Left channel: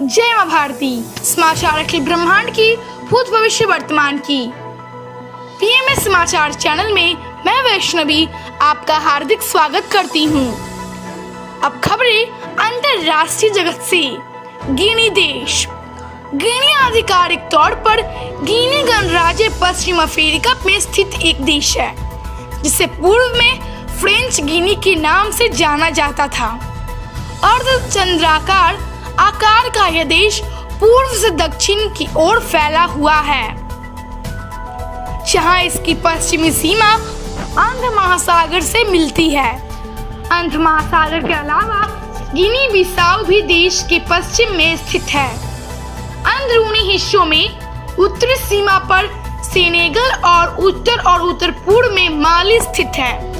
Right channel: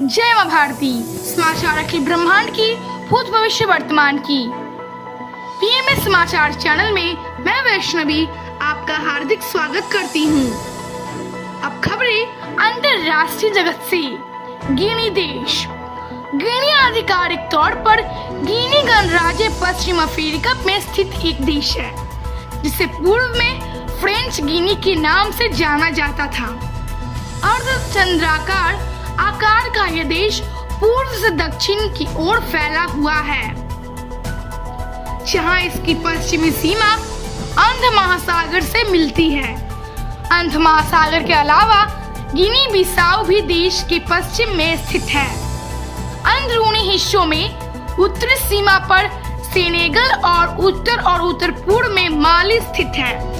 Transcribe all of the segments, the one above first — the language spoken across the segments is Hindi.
जय मां भारती। समाचार अखिल ब्रह्मांड की, भूत भविष्य वर्तमान की। पीएमएस समाचार चैनल में मैं वैष्णवी आपका हार्दिक स्वागत करती हूँ। अब खबरें अंतरराष्ट्रीय जगत से। गिनी देश। गिनी आधिकारिक तौर पर गिनी गणराज्य पश्चिम अफ्रीका में स्थित एक देश है, जिसे पूर्व में फ्रेंच गिनी के नाम से जाना जाता था। अर्धचंद्राकार आकार का यह देश पूर्व से दक्षिण की ओर फैला हुआ है, जहां इसकी पश्चिमी सीमा अंध महासागर से मिलती है। अंध महासागर के अलावा गिनी बिसाऊ भी देश के पश्चिम में स्थित है। अंदरूनी हिस्सों में उत्तरी सीमा पर सेनेगल और उत्तर पूर्व में माली स्थित है।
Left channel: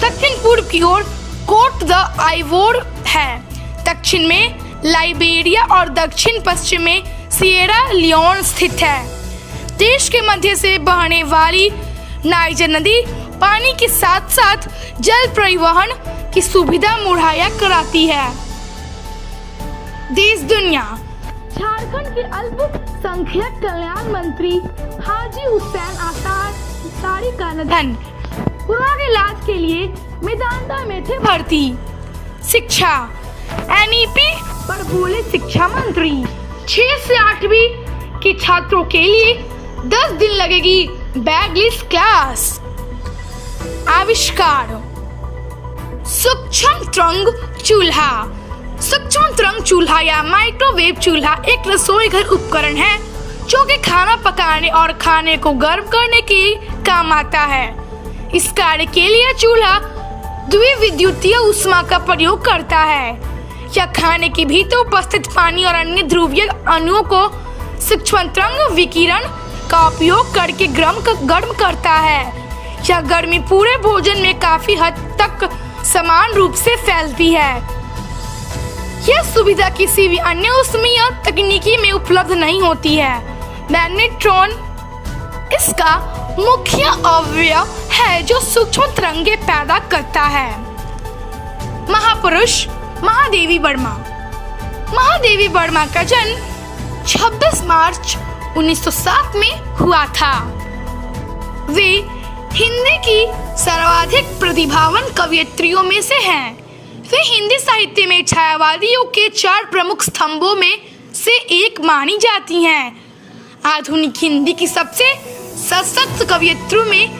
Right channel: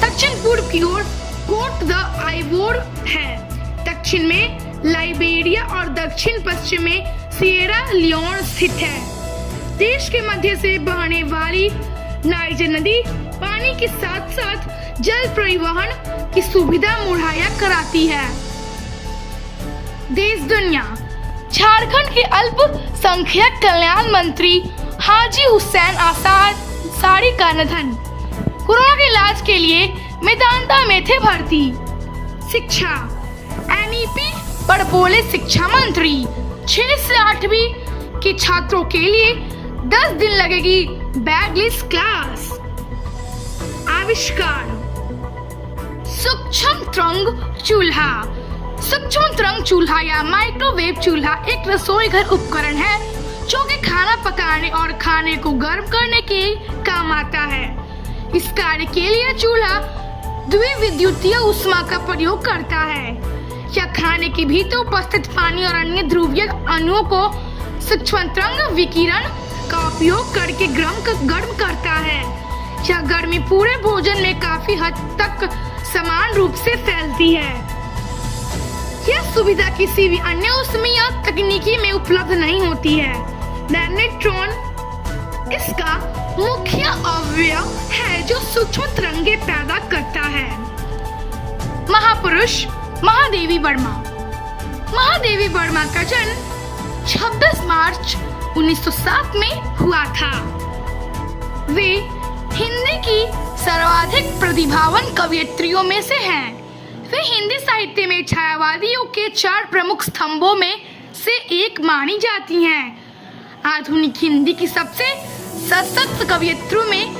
दक्षिण पूर्व की ओर कोट द आइवोर है। दक्षिण में लाइबेरिया और दक्षिण पश्चिम में सिएरा लियोन स्थित है। देश के मध्य से बहने वाली नाइजर नदी पानी के साथ साथ जल परिवहन की सुविधा मुहैया कराती है। देश दुनिया। झारखंड के अल्पसंख्यक कल्याण मंत्री हाजी हुसैन अंसारी का निधन। कोरोना के इलाज के लिए मेदांता में थे भर्ती। शिक्षा। एनईपी पर बोले शिक्षा मंत्री, 6 से 8वीं के छात्रों के लिए 10 दिन लगेगी बैगलेस क्लास। आविष्कार। सूक्ष्म तरंग चूल्हा। सूक्ष्म तरंग चूल्हा या माइक्रोवेव चूल्हा एक रसोई घर उपकरण है जो कि खाना पकाने और खाने को गर्म करने के काम आता है। इस कार्य के लिए चूल्हा द्विविद्युतीय ऊष्मा का प्रयोग करता है या खाने के भीतर उपस्थित पानी और अन्य ध्रुवीय अणुओं को सूक्ष्म तरंग विकिरण का उपयोग करके गर्म करता है। यह गर्मी पूरे भोजन में काफी हद तक समान रूप से फैलती है। यह सुविधा किसी भी अन्य ऊष्मीय तकनीकी में उपलब्ध नहीं होती है। मैग्नेट्रॉन इसका मुख्य अवयव है जो सूक्ष्म तरंगे पैदा करता है। महापुरुष महादेवी वर्मा। महादेवी वर्मा का जन्म 26 मार्च 1907 में हुआ था। वे हिंदी की सर्वाधिक प्रतिभावान कवयित्रियों में से हैं। वे हिंदी साहित्य में छायावादियों के 4 प्रमुख स्तंभों में से एक मानी जाती हैं। आधुनिक हिंदी की सबसे सशक्त कवयित्रियों में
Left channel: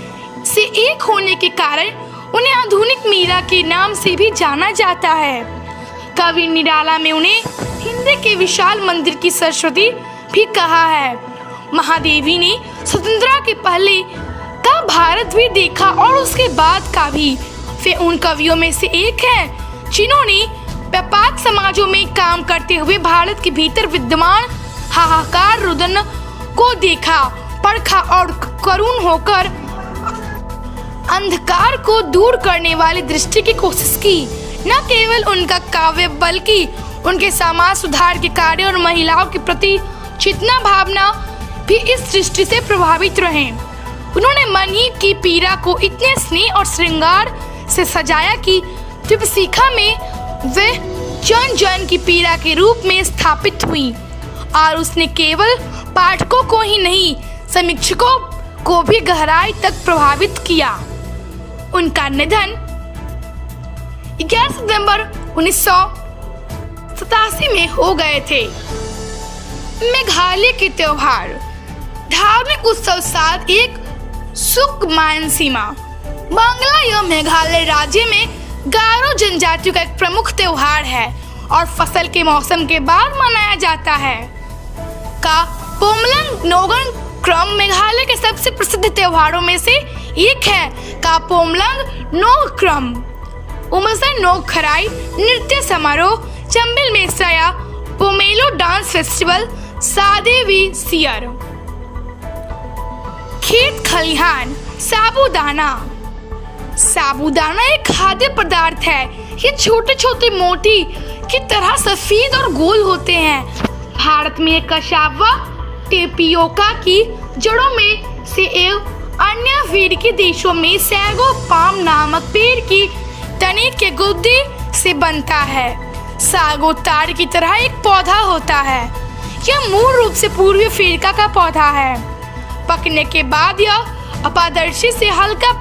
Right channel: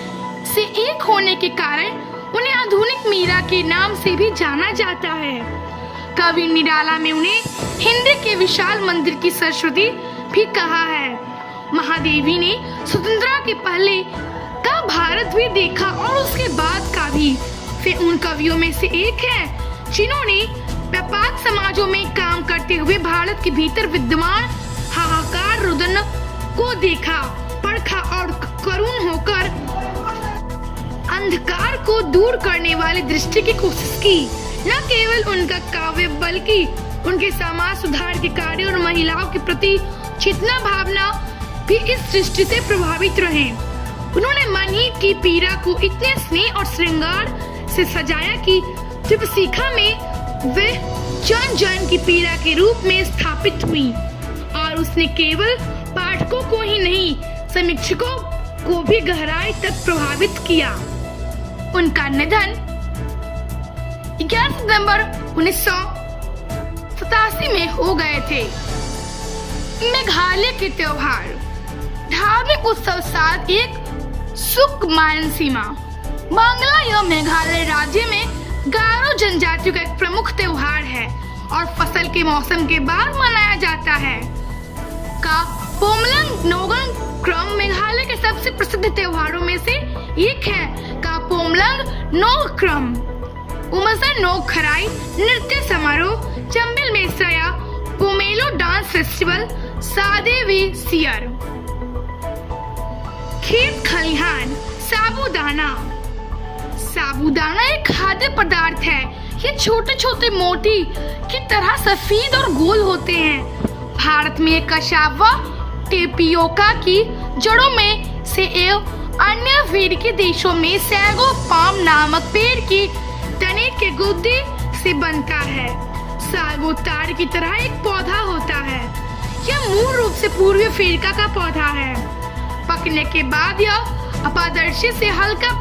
से एक होने के कारण उन्हें आधुनिक मीरा के नाम से भी जाना जाता है। कवि निराला में उन्हें हिंदी के विशाल मंदिर की सरस्वती भी कहा है। महादेवी ने स्वतंत्रता के पहले का भारत भी देखा और उसके बाद का भी। वे उन कवियों में से एक हैं जिन्होंने व्यापक समाजों में काम करते हुए भारत के भीतर विद्यमान हाहाकार रुदन को देखा, परखा और करुण होकर अंधकार को दूर करने वाली दृष्टि की कोशिश की। न केवल उनका काव्य बल्कि उनके समाज सुधार के कार्य और महिलाओं के प्रति चेतना भावना भी इस दृष्टि से प्रभावित रहे। उन्होंने मन ही की पीड़ा को इतने स्नेह और श्रृंगार से सजाया कि त्रिपशिखा में वे जन जन की पीड़ा के रूप में स्थापित हुई और उसने केवल पाठकों को ही नहीं समीक्षकों को भी गहराई तक प्रभावित किया। उनका निधन 11 सितंबर 1987 में हो गए थे। मेघालय के त्योहार। धार्मिक उत्सव साथ एक सुख मानसीमा। बांग्ला या मेघालय राज्य में गारो जनजातियों का एक प्रमुख त्योहार है और फसल के मौसम के बाद मनाया जाता है। का पोमलंग नोगन क्रम मेघालय के सबसे प्रसिद्ध त्योहारों में से एक है। का पोमलंग नोग क्रम उमसन नोग खराई नृत्य समारोह चंबिल मेसराया पोमेलो डांस फेस्टिवल सादेवी सियर। खेत खलिहान। साबूदाना। साबूदाना एक खाद्य पदार्थ है। ये छोटे छोटे मोती की तरह सफेद और गोल होते हैं। भारत में कशावा टेपियोका की जड़ों में से एवं अन्य अफ्रीकी देशों में सैगो पाम नामक पेड़ की तने के गुदे से बनता है। सागोतार की तरह एक पौधा होता है। यह मूल रूप से पूर्वी अफ्रीका का पौधा है। पकने के बाद यह अपारदर्शी से हल्का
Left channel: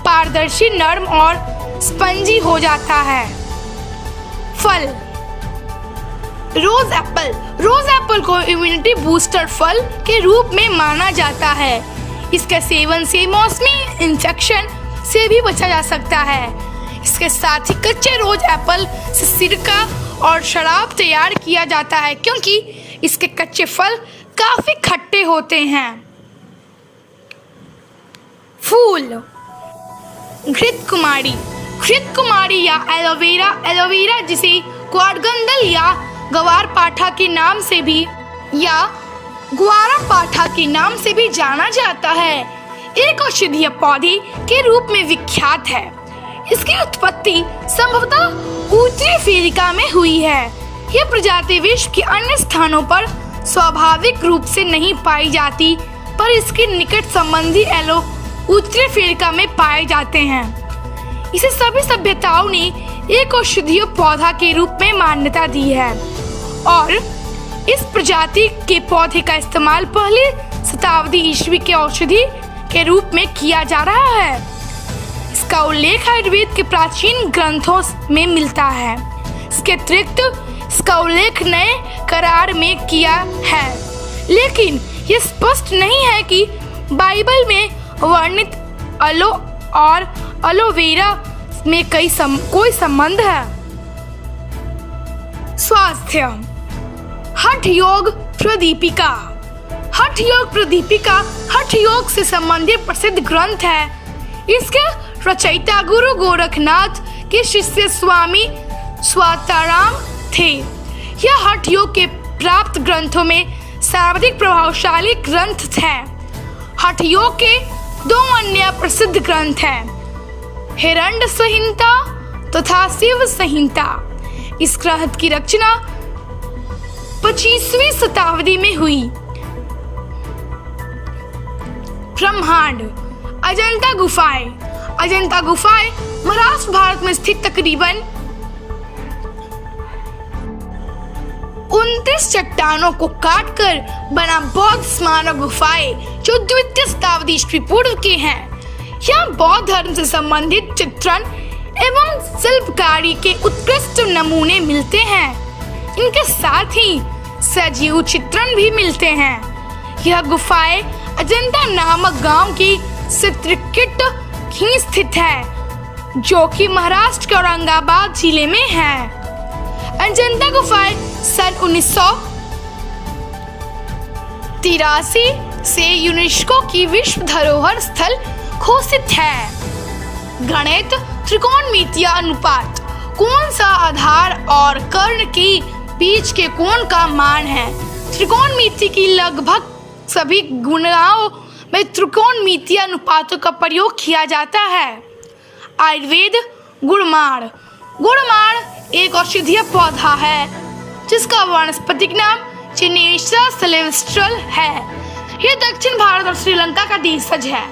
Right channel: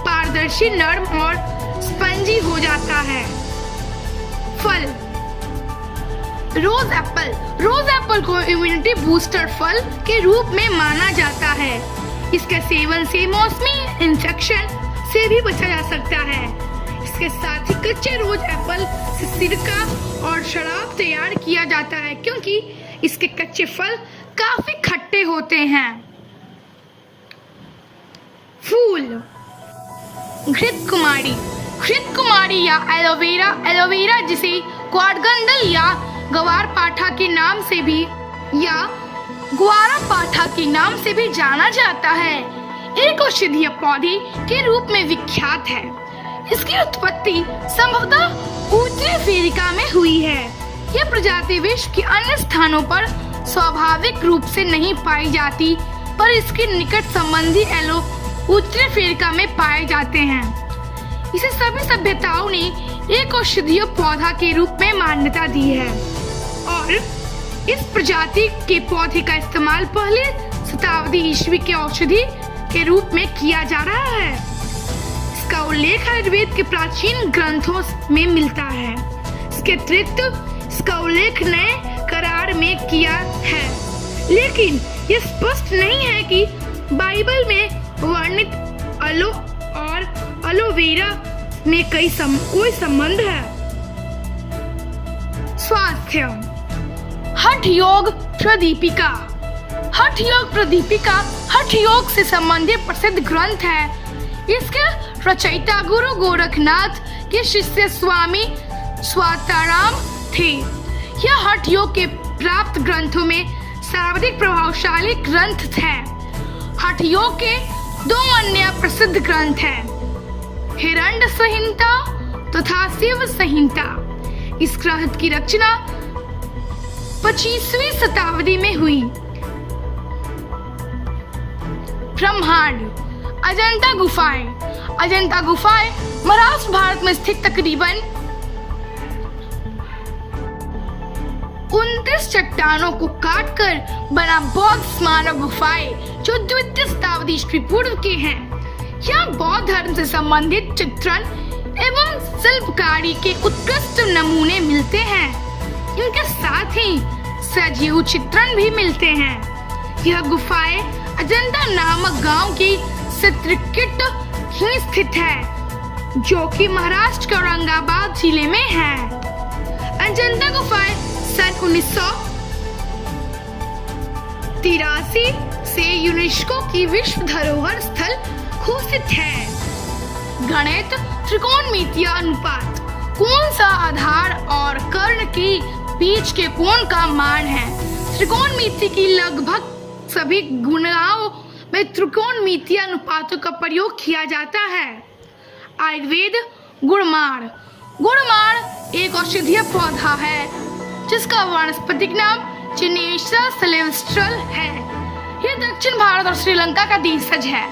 पारदर्शी, नरम और स्पंजी हो जाता है। फल। रोज एप्पल को इम्यूनिटी बूस्टर फल के रूप में माना जाता है। इसके सेवन से मौसमी इन्फेक्शन से भी बचा जा सकता है। इसके साथ ही कच्चे रोज एप्पल से सिरका और शराब तैयार किया जाता है, क्योंकि इसके कच्चे फल काफी खट्टे होते हैं। फूल। घृत कुमारी या एलोवेरा जिसे क्वाडगंडल या ग्वारपाठा के नाम से भी जाना जाता है, एक औषधीय पौधे के रूप में विख्यात है। इसकी उत्पत्ति संभवतः उत्तरी अफ्रीका में हुई है। यह प्रजाति विश्व के अन्य स्थानों पर स्वाभाविक रूप से नहीं पाई जाती, पर इसके निकट संबंधी उत्तरी अफ्रीका में पाए जाते हैं। इसे सभी सभ्यताओं ने एक औषधीय पौधा के रूप में मान्यता दी है और इस प्रजाति के पौधे का इस्तेमाल पहली शताब्दी ईस्वी के औषधि के रूप में किया जा रहा है। इसका उल्लेख आयुर्वेद के प्राचीन ग्रंथों में मिलता है। इसके अतिरिक्त इसका उल्लेख नए करार में किया है, लेकिन यह स्पष्ट नहीं है कि बाइबल में वर्णित अलो और एलोवेरा में कोई संबंध है। स्वास्थ्य। हठ योग प्रदीपिका हठ योग से संबंधित प्रसिद्ध ग्रंथ है। इसके रचयिता गुरु गोरखनाथ के शिष्य स्वामी स्वाताराम थे। यह हठ योग के प्राप्त ग्रंथों में सर्वाधिक प्रभावशाली ग्रंथ है। हठ योग के 2 अन्य प्रसिद्ध ग्रंथ हैं, हिरण्य संहिता तथा शिव संहिता। इस ग्रंथ की रचना 25वीं शताब्दी में हुई। ब्रह्मांड। अजंता गुफाएं महाराष्ट्र भारत में स्थित तकरीबन 29 चट्टानों को काटकर बना बौद्ध स्मारक गुफाएं जो द्वितीय शताब्दी ईस्वी पूर्व के हैं। यहाँ बौद्ध धर्म से संबंधित चित्रण एवं शिल्पकारी के उत्कृष्ट नमूने मिलते हैं। इनके साथ ही सजीव चित्रण भी मिलते हैं। यह गुफाएं अजंता नामक गांव की चित्रकूट ही स्थित है, जो कि महाराष्ट्र के औरंगाबाद जिले में है। अजंता गुफाएं सन 1983 से यूनेस्को की विश्व धरोहर स्थल घोषित है। गणित। त्रिकोणमितीय अनुपात कोण सा आधार और कर्ण के बीच के कोण का मान है। त्रिकोणमिति की लगभग सभी गणनाओं में त्रिकोणमितीय अनुपातों का प्रयोग किया जाता है। आयुर्वेद। गुड़माड़ एक औषधीय पौधा है जिसका वानस्पतिक नाम चिनेस्ट्रा सिल्वेस्ट्रल है। यह दक्षिण भारत और श्रीलंका का देशज है।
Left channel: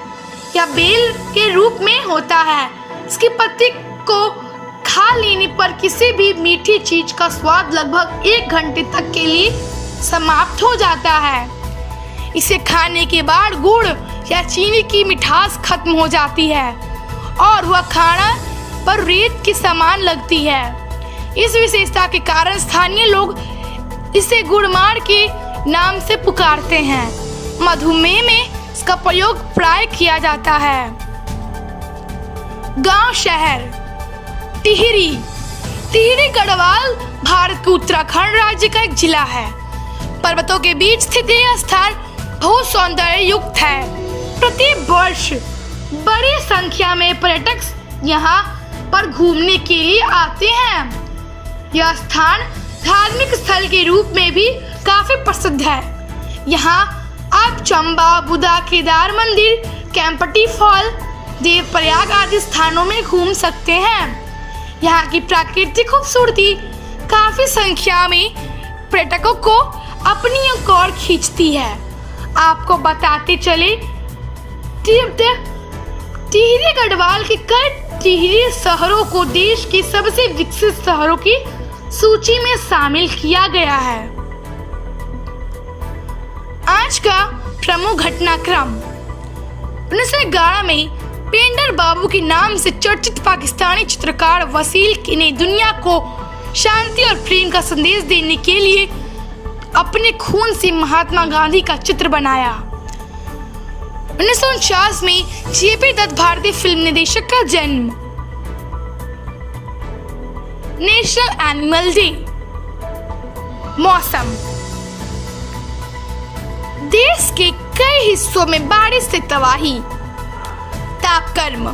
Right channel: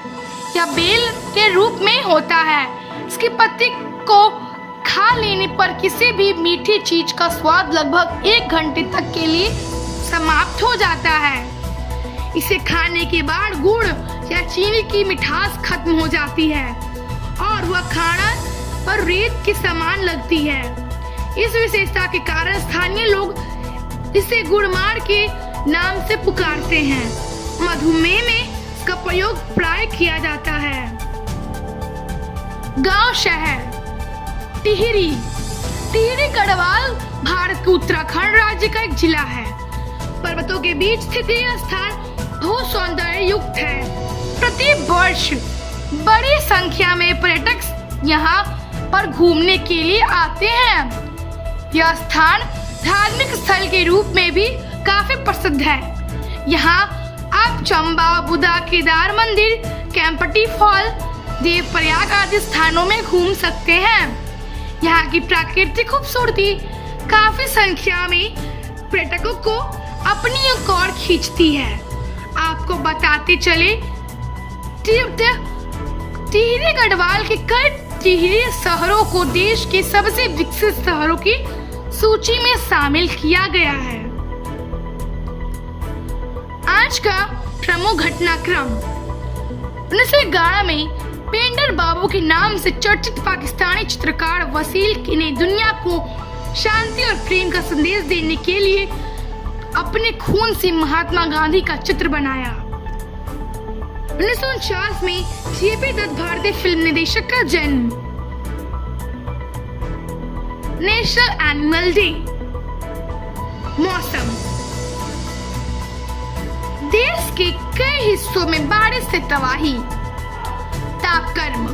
यह बेल के रूप में होता है। इसकी पत्ती को खा लेने पर किसी भी मीठी चीज का स्वाद लगभग 1 घंटे तक के लिए समाप्त हो जाता है। इसे खाने के बाद गुड़ या चीनी की मिठास खत्म हो जाती है और वह खाना पर रेत के समान लगती है। इस विशेषता के कारण स्थानीय लोग इसे गुड़माड़ के नाम से पुकारते हैं। मधुमेह में इसका प्रयोग प्राय किया जाता है। गांव शहर। टिहरी गढ़वाल भारत के उत्तराखंड राज्य का एक जिला है। पर्वतों के बीच स्थित यह स्थान बहुत सौंदर्य युक्त है। प्रति वर्ष बड़ी संख्या में पर्यटक यहाँ पर घूमने के लिए आते हैं। यह स्थान धार्मिक स्थल के रूप में भी काफी प्रसिद्ध है। यहाँ आप चंबा, बुद्धा, केदार मंदिर, कैंपटी फॉल, देवप्रयाग आदि स्थानों में घूम सकते हैं। यहाँ की प्राकृतिक खूबसूरती काफी संख्या में पर्यटकों को अपनी ओर खींचती है। आपको बताते चले, टिहरी गढ़वाल के कई टिहरी शहरों को देश के सबसे विकसित शहरों की सूची में शामिल किया गया है। आज का प्रमुख घटनाक्रम। 1911 में पेंटर बाबू के नाम से चर्चित पाकिस्तानी चित्रकार वसील ने दुनिया को शांति और प्रेम का संदेश देने के लिए अपने खून से महात्मा गांधी का चित्र बनाया। 1949 में जेपी दत्त भारतीय फिल्म निर्देशक का जन्म। National animal day. मौसम। देश के कई हिस्सों में बारिश से तबाही। तापक्रम।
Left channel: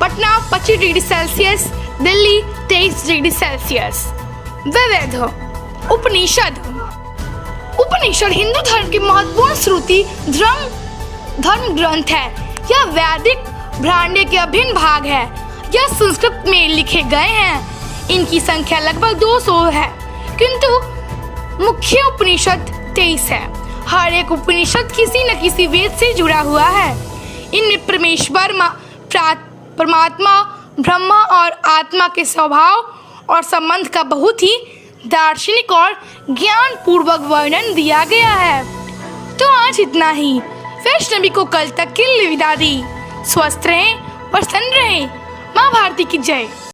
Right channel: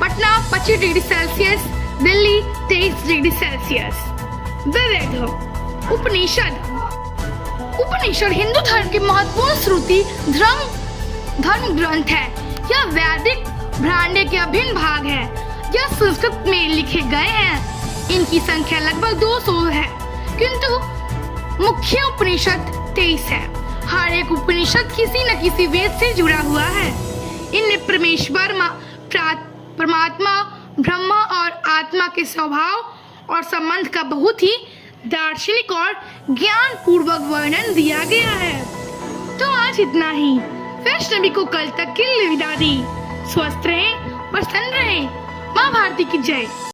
Patna 25 degree Celsius, Delhi 23 degree Celsius. विविध। उपनिषद। उपनिषद हिंदू धर्म के महत्वपूर्ण श्रुति धर्म ग्रंथ है। यह वैदिक ब्राह्मण्य के अभिन्न भाग है। यह संस्कृत में लिखे गए हैं। इनकी संख्या लगभग 200 है, किंतु मुख्य उपनिषद 23 है। हर एक उपनिषद किसी न किसी वेद से जुड़ा हुआ है। इनमें परमात्मा, ब्रह्मा और आत्मा के स्वभाव और संबंध का बहुत ही दार्शनिक और ज्ञान पूर्वक वर्णन दिया गया है। तो आज इतना ही। वैष्णवी को कल तक के लिए विदा दी। स्वस्थ रहें, प्रसन्न रहें। माँ भारती की जय।